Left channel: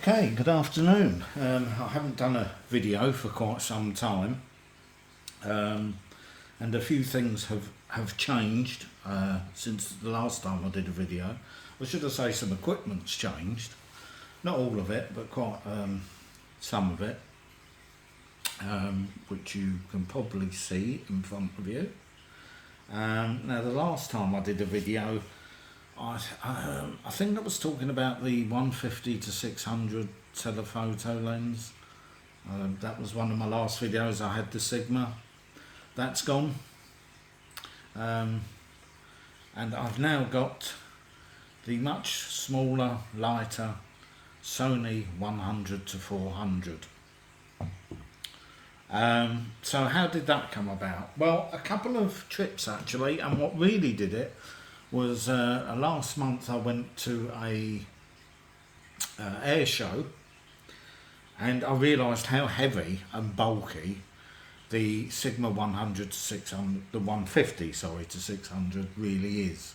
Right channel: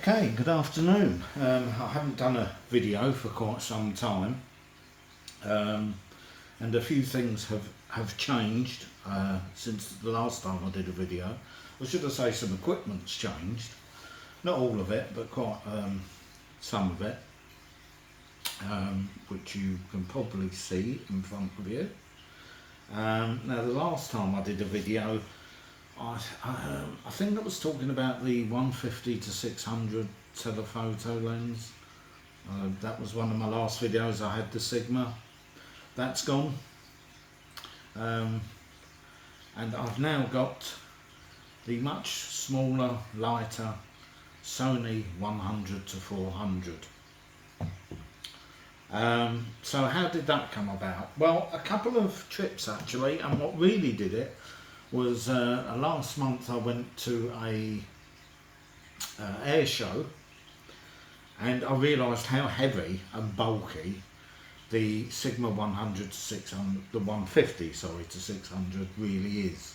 Okay, good afternoon. I haven't done a video for quite some time, and a few things have changed since the last time I did a video. Or should I say some equipment's changed. Not all of it, but quite some of it, which you can probably see in front of you. Now the last time I did a video, I think I was talking about the 150 to 600 telephoto lens. That was one of my last videos. I had the Sigma. That's gone. And I've now got the much smaller, lighter Sony 100 to 400. So how did that come about? Well, a couple of trips actually, and what really did it was last month I went to a air show, and I realised how heavy and bulky the Sigma 100 to 600, the 150 sorry to 600 really is.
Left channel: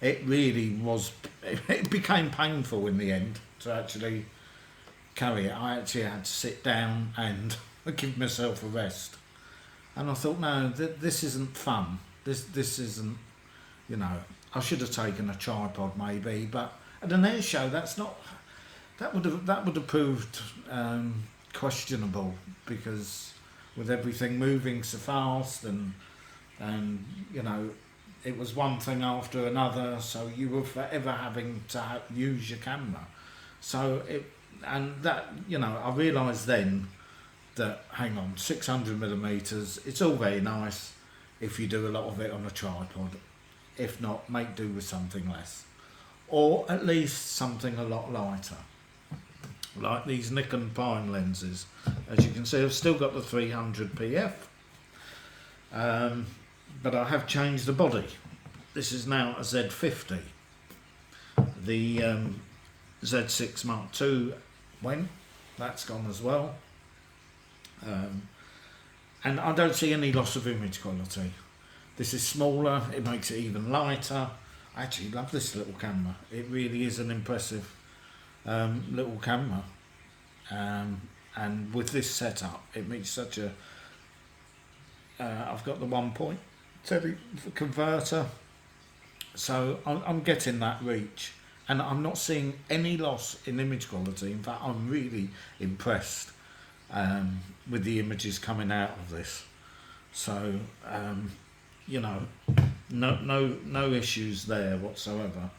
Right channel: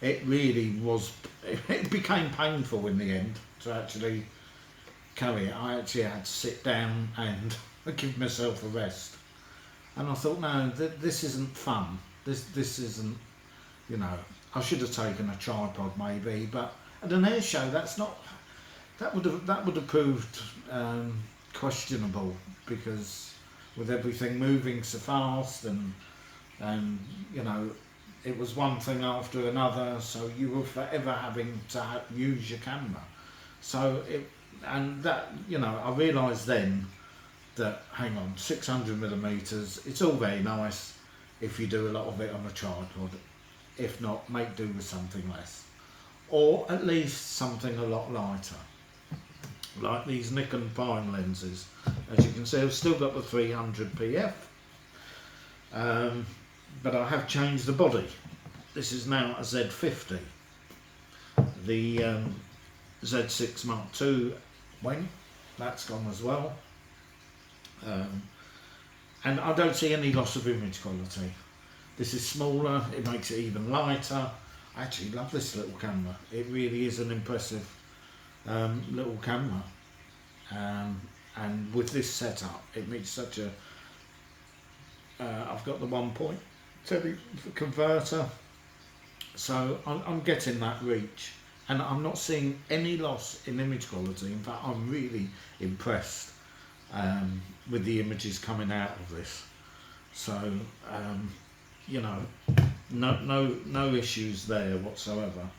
It really was, it became painful in the end to actually carry it. I actually had to sit down and give myself a rest, and I thought, no, this isn't fun. This isn't, you know, I should have taken a tripod maybe, but at an air show that would have proved questionable, because with everything moving so fast and you know, it was one thing after another, so you were forever having to use your camera. So you know, I realised then that, hang on, 600mm, it's all very nice if you do a lot of it on a tripod. If not, make do with something less, or at least something a lot lighter, like these Nikon prime lenses. As you can see, I've still got the 300 PF, but I have changed the body. This is now a Z50. The Z6 Mark II that's gone as well. And I don't see any loss of image quality. This is smaller, it makes it even lighter. I actually love this little camera. It really is an impressive little camera. And with this setup, it makes such a... I've got the 1.7 converter, so I'm getting that reach. And I'm not seeing any loss in image quality. In fact, I'm really impressed with the images coming out of this. So you know, no issues there whatsoever.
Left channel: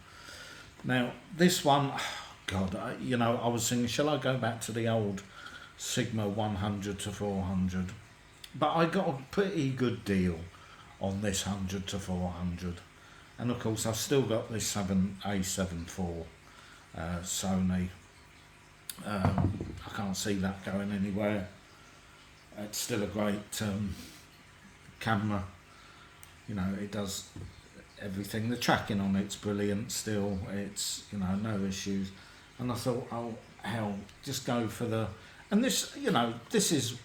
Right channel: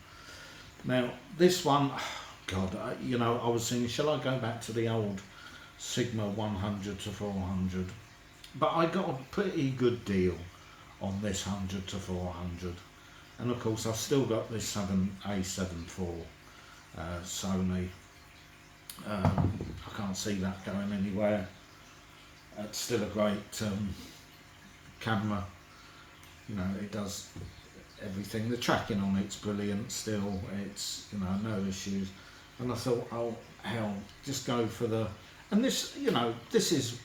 Now this one, God, you know, I was thinking, shall I go back to the old Sigma 100 to 400? But I got a pretty good deal on this 100 to 400, and of course I've still got this A7 IV Sony. I can't see that going anywhere. It's still a great camera. You know, it does everything. The tracking on it's brilliant still. It's, you know, no issues. And I thought, oh hell, just go for the... And this, you know, this is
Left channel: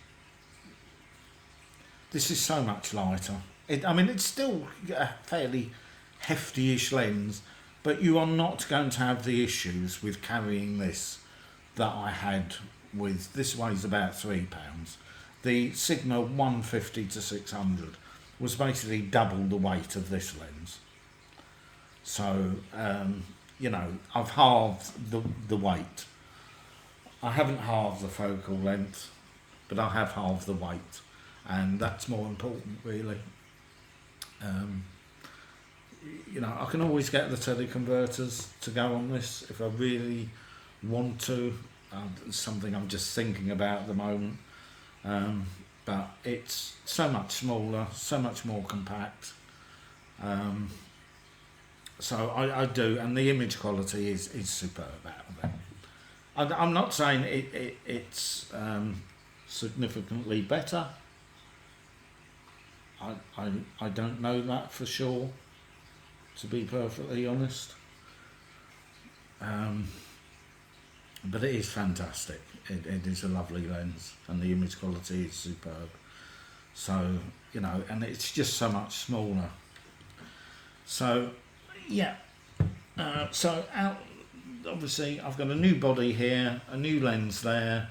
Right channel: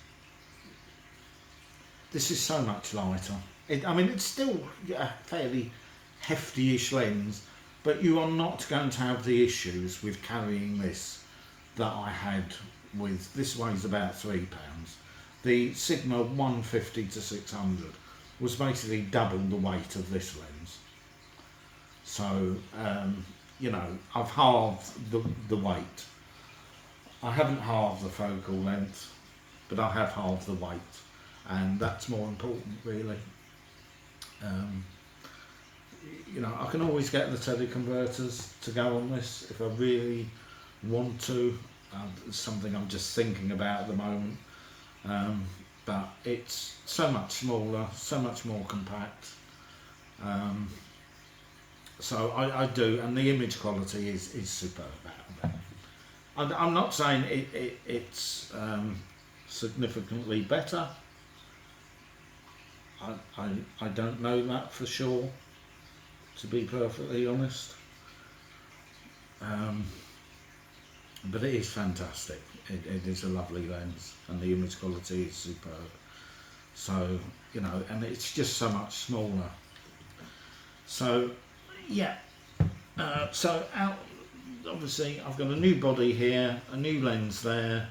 so much lighter. I mean, it's still a fairly hefty-ish lens, but you are not going to have the issues with carrying this that I had with... This weighs about £3. The Sigma 150 to 600 was basically double the weight of this lens. So, you know, I've halved the weight. I haven't halved the focal length, but I have halved the weight, and that's more important, really. You know, I can always get the teleconverters to go on this if I really want to. It's something I'm just thinking about at the moment. But it's so much smaller, so much more compact. So I do, and the image quality is superb out of it. I'm not saying it's significantly better. I don't know that for sure, to be perfectly honest. But it is fantastic. It is a lovely lens, and the image quality is superb. So, you know, and it's just so much smaller. So, yeah. So out obviously I've got a new body here, a new lens there,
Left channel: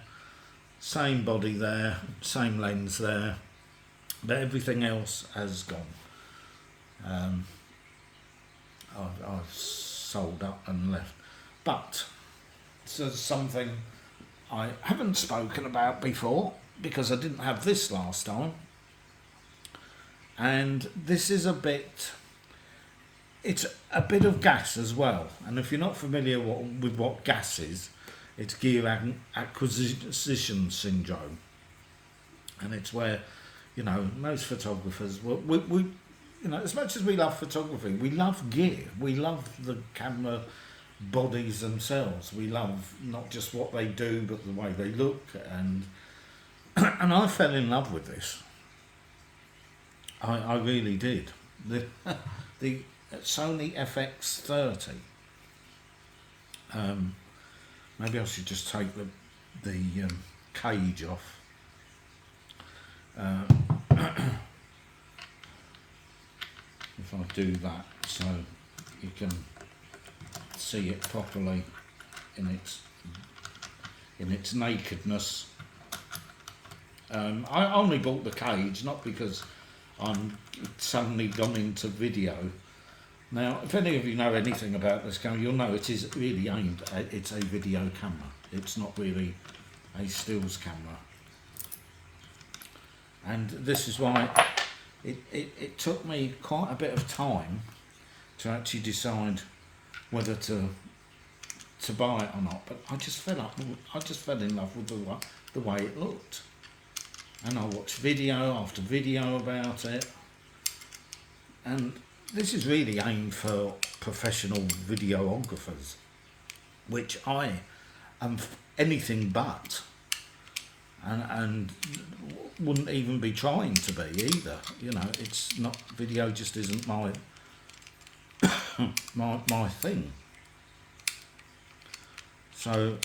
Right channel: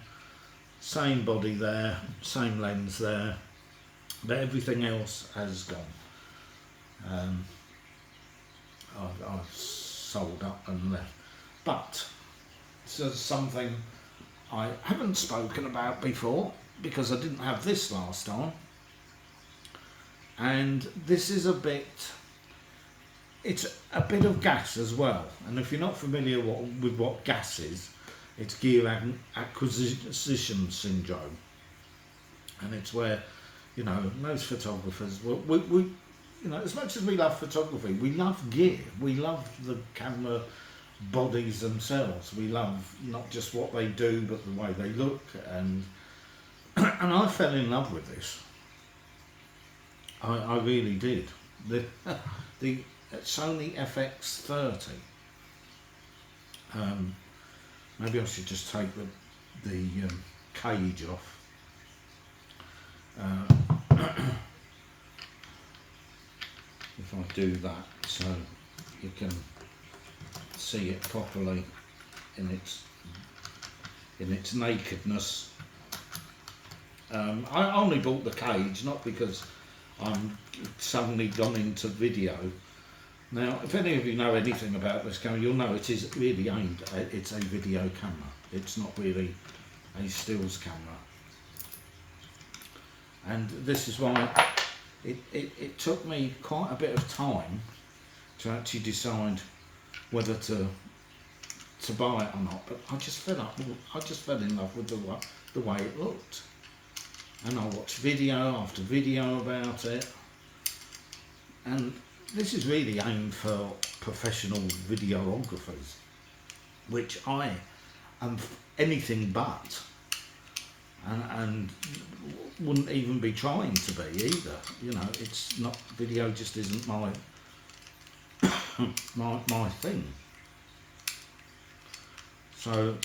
same body there, same lens there, but everything else has gone. I've sold up and left. But this is something I haven't spoken about before because I didn't have this last time. And this is it's a bit of gas as well. And if you're not familiar with what gas is, it's gear acquisition syndrome. And it's where, you know, most photographers, we you know, as much as we love photography, we love gear. We love the camera bodies themselves. We love not just what they do, but the way they look. And and I fell in love with this. I really did. The Sony fx30. Maybe I should just take the cage off. If I do that, so you can see it properly in its nakedness. I only bought the cage not because I'm suddenly gone into video. Now, if any of you know anything about this camera, you'll know it is really aimed at, it's a video camera. It's not really a stills camera. And this is why it took me quite a bit of time to actually decide whether to buy it or not. But I just fell in love with the way it looked. And I watched video after video about it. And this is really aimed for professional videographers, which I am anything but, and wouldn't even be trying to be either. You know, it's not, video just isn't my my thing. So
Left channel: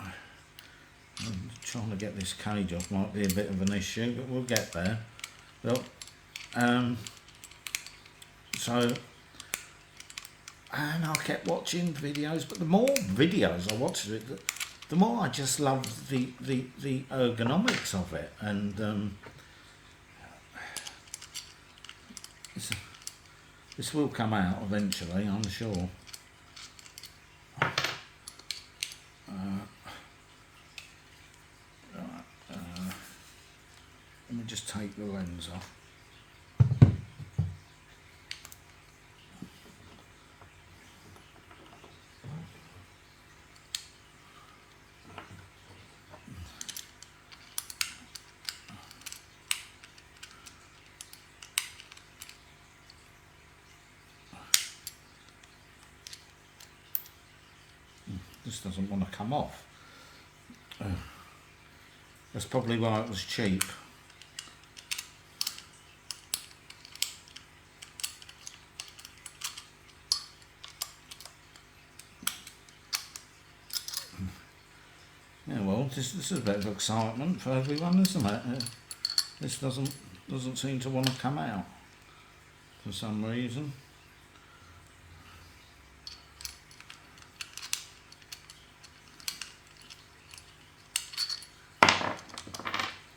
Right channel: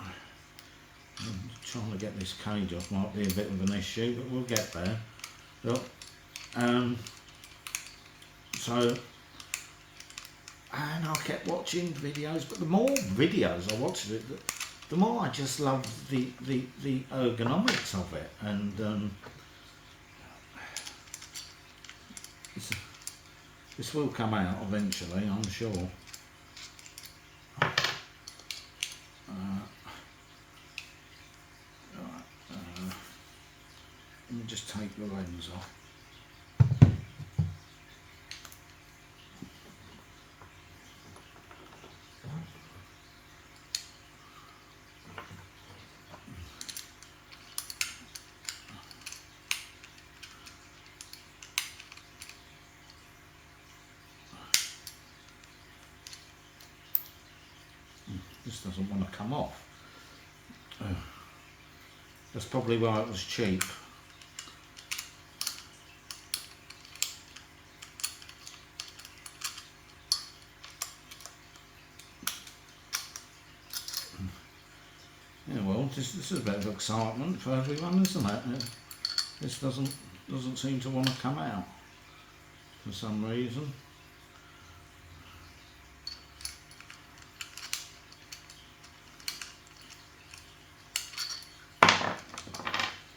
I'm trying to get this cage off might be a bit of an issue, but we'll get there. But, so, and I kept watching videos, but the more videos I watched it, the more I just loved the ergonomics of it. And this will come out eventually, I'm sure. Let me just take the lens off. This doesn't want to come off. That's probably why it was cheap. Yeah, well, this is a bit of excitement for everyone, isn't it? This doesn't seem to want to come out for some reason.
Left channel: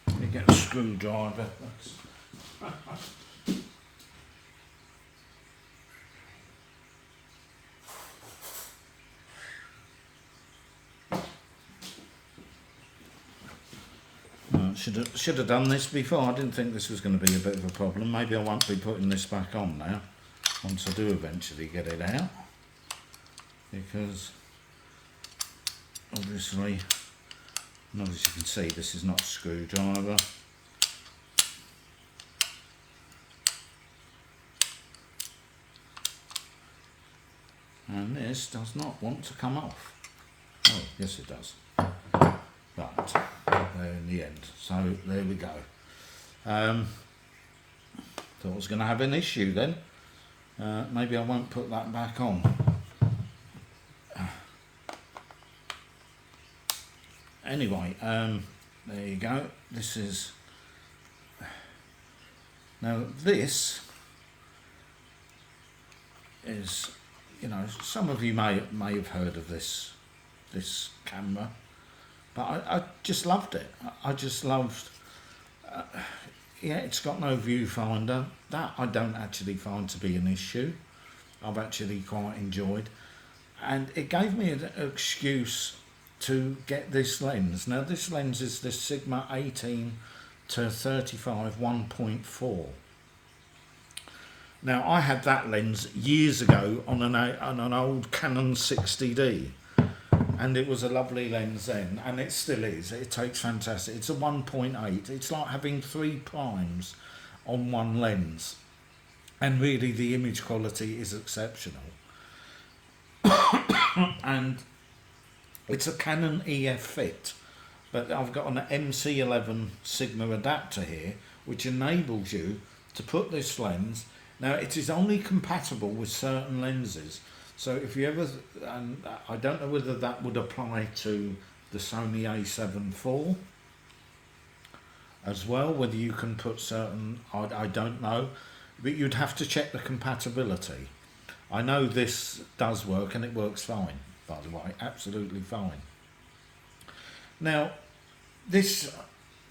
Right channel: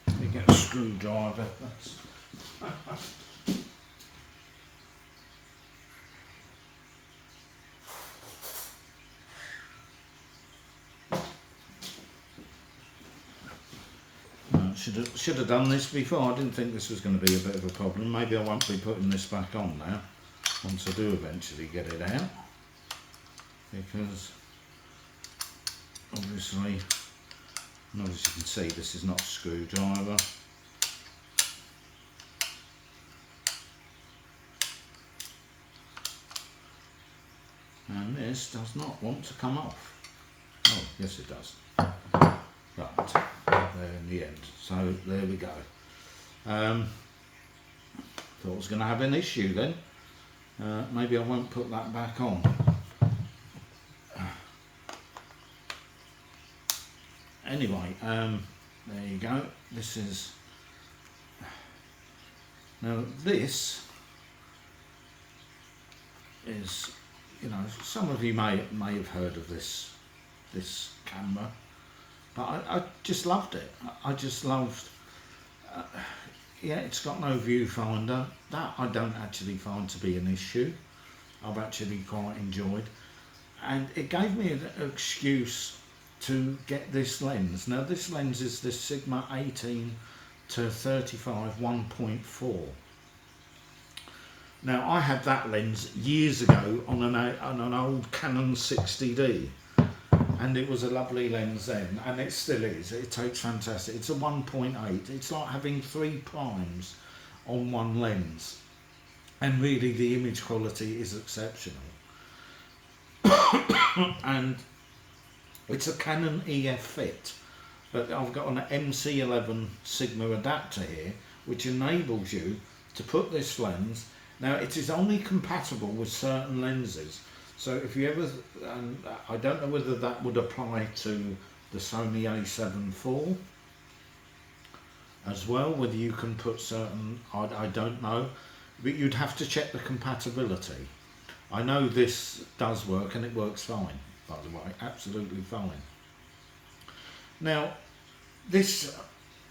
Let me get a screwdriver. Should have done this before. I didn't think this was going to be a bit of a problem. Maybe I won't be putting this back on now once I do eventually get it out, because obviously, and as you can see, this is not a screwdriver. And this does not want to come off. Oh, yes it does. Right, there in the end. So there we go. Thought I was going to have an issue then. Maybe I won't put that back on. Anyway, there you go. This is, now this is you know, some of you may have heard of this camera, but I just loved it. I just loved. Yeah, it's got no viewfinder. That I don't actually find to be an issue. I've actually quite enjoyed, and it gave me an excuse to get this lens. Now this lens is the Sigma 18 to 35 1.4. Now I had that lens years ago on an old Canon 60D, and it was a lovely lens then, and it still is. It takes fantastic. It's a 1.8. It's like having 3 primes on one lens, and really the image quality is exceptional. And it's a Canon EF Fit, but I've got an MC11 Sigma adapter here, which enables you to put this lens. Now it is only compatible with certain lenses, so if you ever, and I don't know whether that would apply to the Sony A7 IV as well, whether you can put certain, I don't know, but you'd have to check the compatibility. I know this does work, and it works fine, by the way, absolutely fine. Now this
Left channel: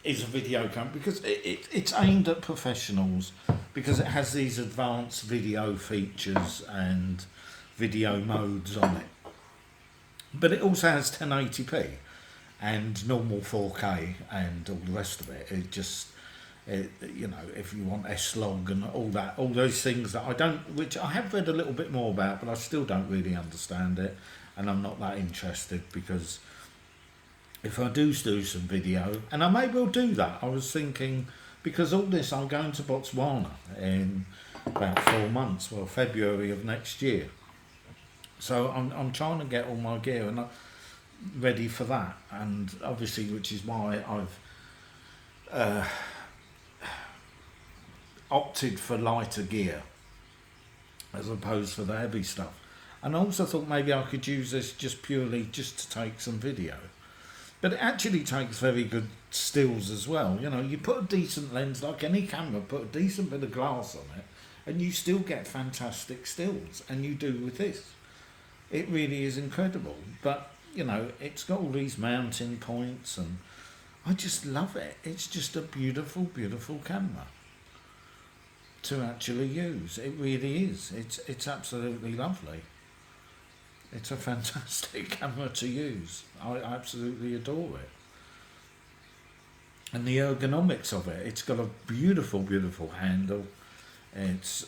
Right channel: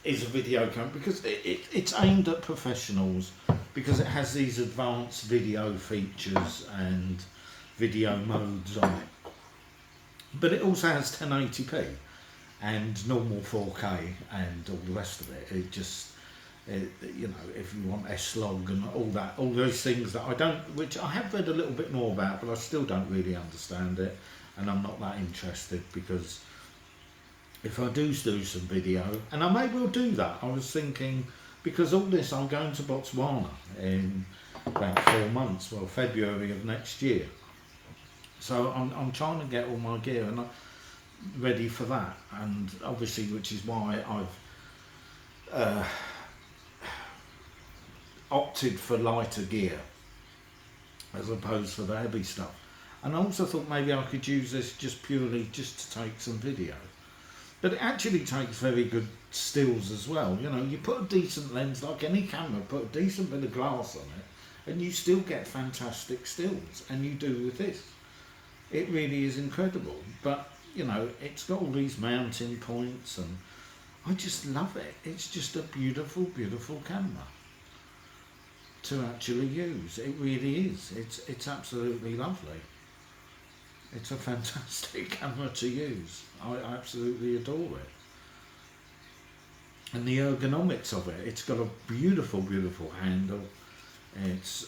is a video camera because it's aimed at professionals, because it has these advanced video features and video modes on it, but it also has 1080p and normal 4K and all the rest of it. It just, you know, if you want S-Log and all those things that I don't, which I have read a little bit more about, but I still don't really understand it, and I'm not that interested, because if I do some video, and I may well do that, I was thinking, because all this, I'm going to Botswana in about 4 months, well, February of next year. So I'm trying to get all my gear and I'm ready for that, and obviously, which is why I've opted for lighter gear as opposed to the heavy stuff. And I also thought maybe I could use this just purely just to take some video. But it actually takes very good stills as well. You know, you put a decent lens, like any camera, put a decent bit of glass on it, and you still get fantastic stills, and you do with this. It really is incredible. But, you know, it's got all these mounting points, and I just love it. It's just a beautiful, beautiful camera to actually use. It really is. It's absolutely lovely. It's a fantastic camera to use. I absolutely adore it. And the ergonomics of it, it's got a beautiful, beautiful handle. It's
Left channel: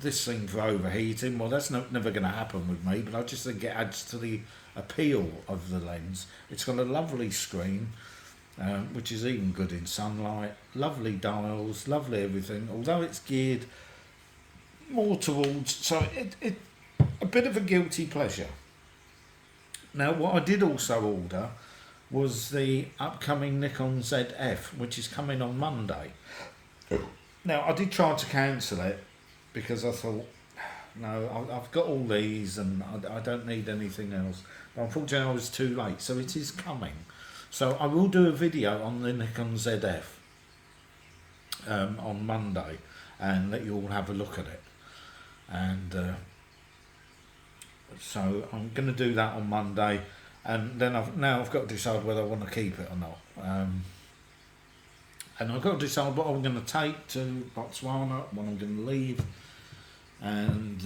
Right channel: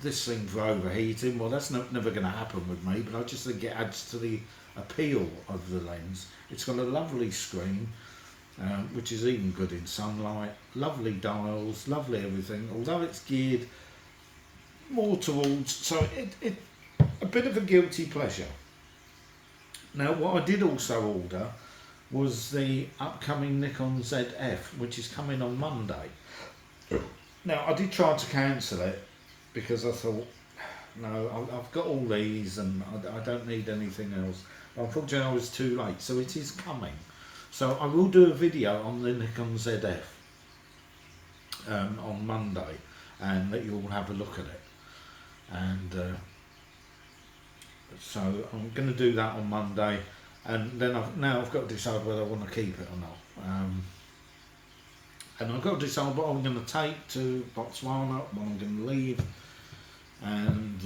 this thing for overheating, well, that's never going to happen with me, but I just think it adds to the appeal of the lens. It's got a lovely screen, which is even good in sunlight, lovely dials, lovely everything, although it's geared more towards, so it a bit of a guilty pleasure. Now, what I did also order was the upcoming Nikon ZF, which is coming on Monday. Now, I did try to cancel it because I thought, no, I've got all these and I don't need anything else. But unfortunately, I was too late, so it is coming. So I will do a video on the Nikon ZF on Monday and let you all have a look at it. And so I'm going to do that on Monday, and then I've got to decide whether I want to keep it or not. And I've got to decide what I'm going to take to Botswana, what I'm going to leave, and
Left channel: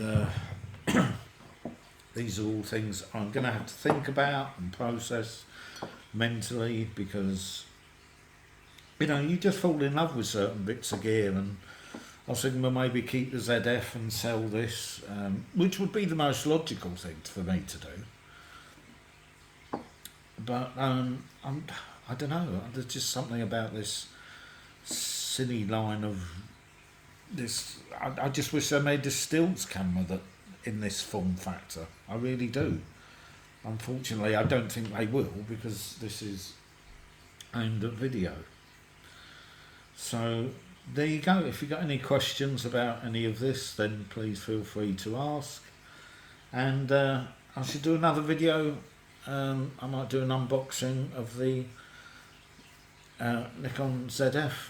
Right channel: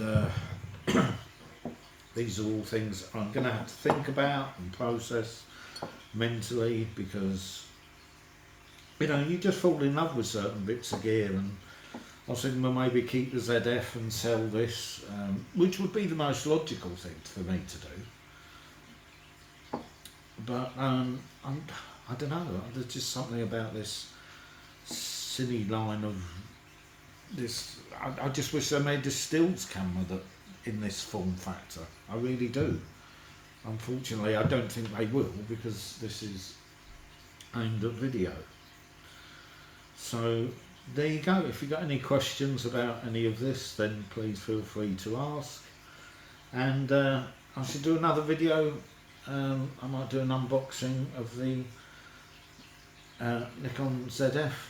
these are all things I'm going to have to think about and process mentally, because, you know, you just fall in love with certain bits of gear, and I was thinking, well, maybe keep the ZF and sell this, which would be the most logical thing for me to do. But I don't know, there's just something about this silly line of this. I just wish they made this stills camera that in this form factor. I really do. Unfortunately, I don't think they will, because this is aimed at video. So there you go. If you've got any questions about any of this, then please feel free to ask. And I should do another video. I might do an unboxing of the Nikon ZF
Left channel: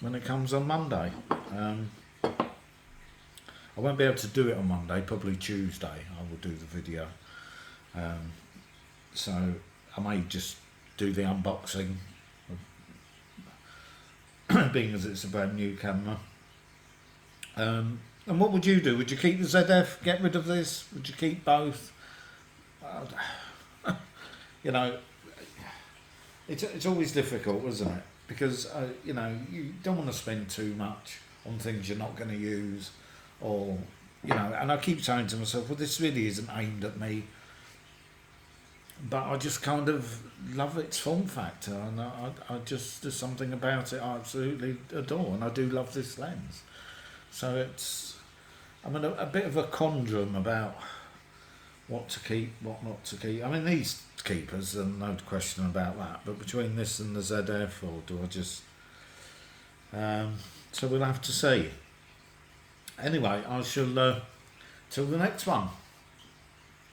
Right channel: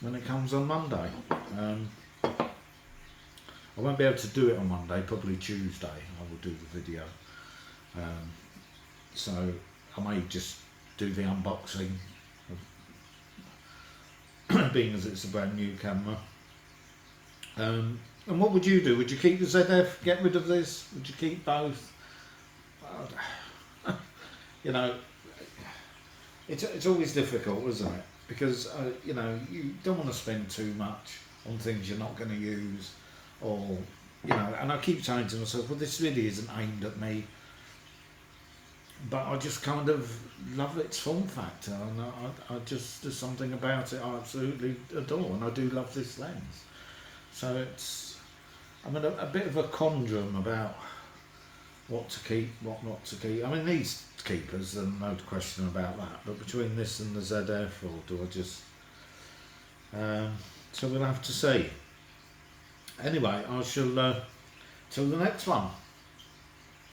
when it comes on Monday. I won't be able to do it on Monday, probably Tuesday I will do the video. So I may just do the unboxing, being as it's a brand new camera. And what would you do? Would you keep the ZF, get rid of this? Would you keep both? You know, it's always difficult, isn't it? Because you know, you don't want to spend too much on things you're not going to use, or you know. And I keep saying to myself, well, this really isn't aimed at me, but I just kind of love its form factor, and I just, there's something about it I absolutely adore, and I do love this lens. So it's, I'm in a bit of a conundrum about what to keep, what not to keep. I mean, these keepers, there's no question about that, but between this and the ZF, or do I just... so we'll have to see. Anyway, I shall, till the next one.